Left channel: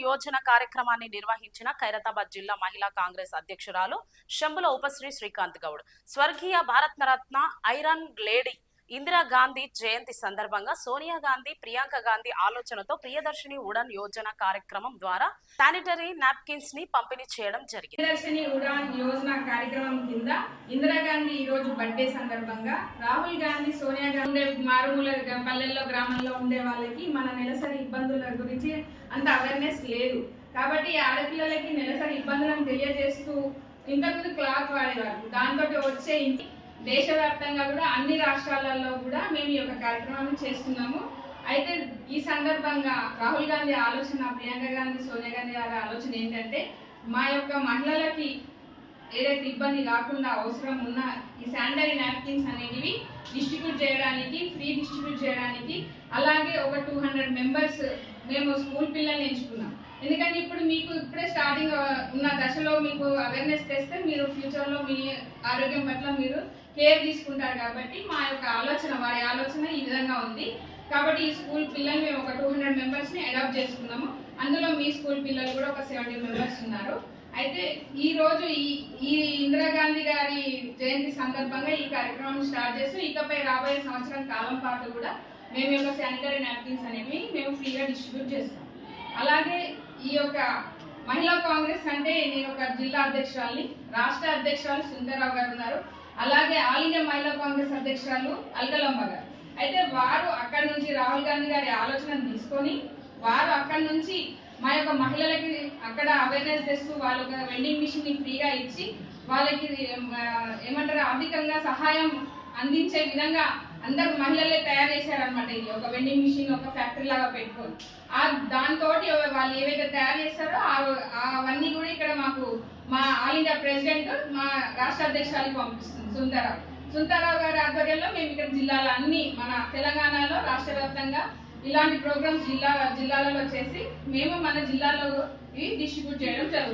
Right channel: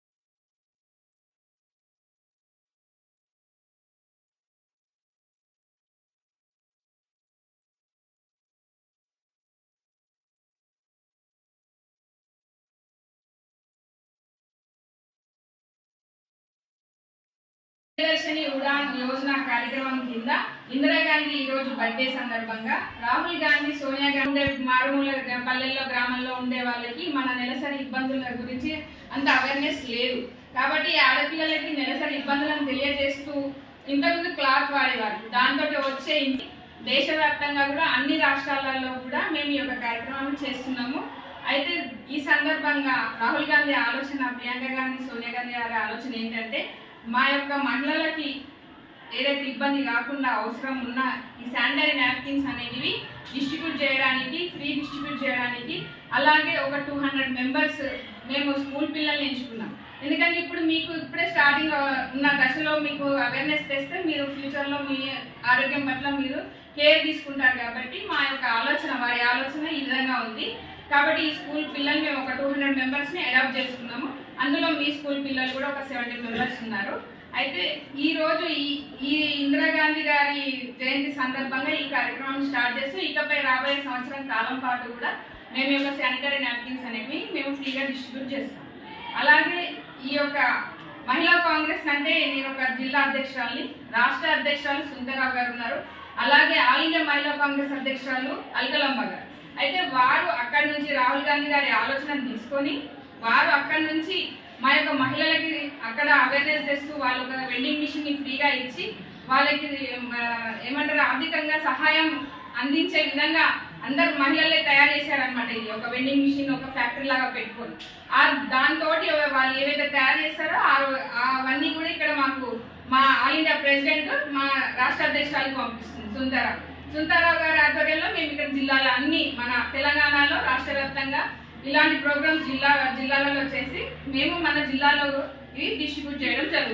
ఉడాన్ యోజన కార్యక్రమాన్ని నిర్వహించిన ఖైరతాబాద్ జిల్లా మహిళా కాంగ్రెస్ అధ్యక్షురాలు శంబుల ఉపశ్రీ శ్రీకాంత్ గౌడ్. స్వర్గీయ భారతరత్న ఐరన్ లేడీ ఇందిరాగాంధీ జయంతి సందర్భంగా సోనియా గాంధీ, ప్రియాంక గాంధీ ఆలోచనతో ప్రియదర్శిని ఉడాన్ యోజన కార్యక్రమం ద్వారా శానిటరీ నాప్కిన్స్ ని పంపిణీ చేయడం జరిగింది. ప్రియదర్శిని ఉడాన్ యోజన కార్యక్రమం కింద ఇందిరాగాంధీ ఈ రోజు బర్త్డే సందర్భంగా రాహుల్ గాంధీ, సోనియా గాంధీ మారుమూల పల్లెల్లో గ్రామాల్లో ఉండే వాళ్ళకి మన నెలసరి ఇబ్బందుల గురించి అంత అవేర్నెస్ లేదు. కాబట్టి ఆడపిల్లలకి నెలసరి ఇబ్బందులను తెలియజేస్తూ ఇంతకుముందు క్లాత్ వాడేవారు. దాంతో వచ్చే దేశవ్యాప్తంగా కూడా అన్ని రాష్ట్రాలలో కూడా మేము ఈ యొక్క కార్యక్రమాన్ని చేస్తున్నాము. అయితే ఈ సందర్భంగా రాహుల్ గాంధీ ఆలోచన, ప్రియాంక గాంధీ, సోనియా గాంధీ గారి ఆలోచన ఏంటంటే మా యొక్క మహిళలకి ఏదైతే ఇబ్బంది కాకుండా అవసరం ఉన్న ఈ శానిటరీ నాప్కిన్స్ అనేవి డిస్ట్రిబ్యూట్ చేయడానికి, ఫ్రీ డిస్ట్రిబ్యూట్ చేయడానికి, అలాగే ఒక 200 మెంబర్స్ మేము స్కూల్ పిల్లల్ని ఎంచుకున్నాం. ఎందుకంటే ఇప్పుడు మీకు ఇప్పుడే స్టార్టింగ్ ఉన్న దశలో మీకు అవేర్నెస్ తెస్తే మీరు ఫ్యూచర్లో మీ ఆరోగ్యం పట్ల మీరు కేర్ తీసుకుంటారు. కాబట్టి మా యొక్క ఆలోచన, వారి ఆలోచన ఈ విధంగా ఉంది. కాబట్టి ఈ స్కూల్ పిల్లలు మేము ఒక 200 మెంబర్స్ని అడాప్ట్ చేసుకున్నాము. అందులో మీ స్కూల్ పిల్లలు కూడా ఒక 70 మెంబర్స్ ఉన్నారు. అయితే ఈరోజు ఈ ఇందిరాగాంధీ గారి జయంతి సందర్భంగా ఈ కార్యక్రమం స్టార్ట్ చేస్తూ ఇకపై రాబోయే సంవత్సరం కాలం పాటు కూడా మేము యొక్క శానిటరీ నాప్కిన్స్ అనేవి మేము ఫ్రీగా డిస్ట్రిబ్యూట్ చేస్తాం. అలాగే ఈ యొక్క మహిళా కాంగ్రెస్ అంటే నేను ఒక జిల్లా అధ్యక్షురాలని, రాష్ట్ర అధ్యక్షురాలు సుందరరావు గారు ఉన్నారు. అలాగే ఆల్ ఇండియా మహిళా కాంగ్రెస్ అధ్యక్షురాలు అల్కలమ్మ గారు. అయితే వారు అక్కడి నుంచి రాహుల్ గాంధీ గారి ఆలోచనను తీసుకొని వారు అక్కడి నుంచి మా యొక్క మహిళలకి అక్కడ అవేర్నెస్ తెస్తూ వాళ్ళు ఒక వెండింగ్ మిషన్ని ఫ్రీగా ఇచ్చి వాళ్ళకి ఏమంటారు ఆర్థికంగా సహాయం అందించే విధంగా అందరు మహిళలే తయారు చేశారనమాట. ఇది ఒక వెండింగ్ మిషన్ ఒక ఫ్యాక్టరీ లాగా పెట్టుకొని దాంతో వాళ్ళు ఏవైతే తయారు చేస్తారో అవన్నీ కూడా ఇక్కడ మాకు మా ఆల్ ఇండియా ప్రెసిడెంట్, మా రాష్ట్ర అధ్యక్షురాలకు పంపిస్తుంది సుందరరావు గారి ఆధ్వర్యంలో మేము ఇక్కడ జిల్లాలో అన్ని మన తెలంగాణలో రాష్ట్ర వ్యాప్తంగా ఇలాంటి ప్రోగ్రామ్స్ జిల్లాలలో చేసి మేము మన జిల్లాలో ఇవి డిస్ట్రిబ్యూట్ చేయడం జరుగుతుంది.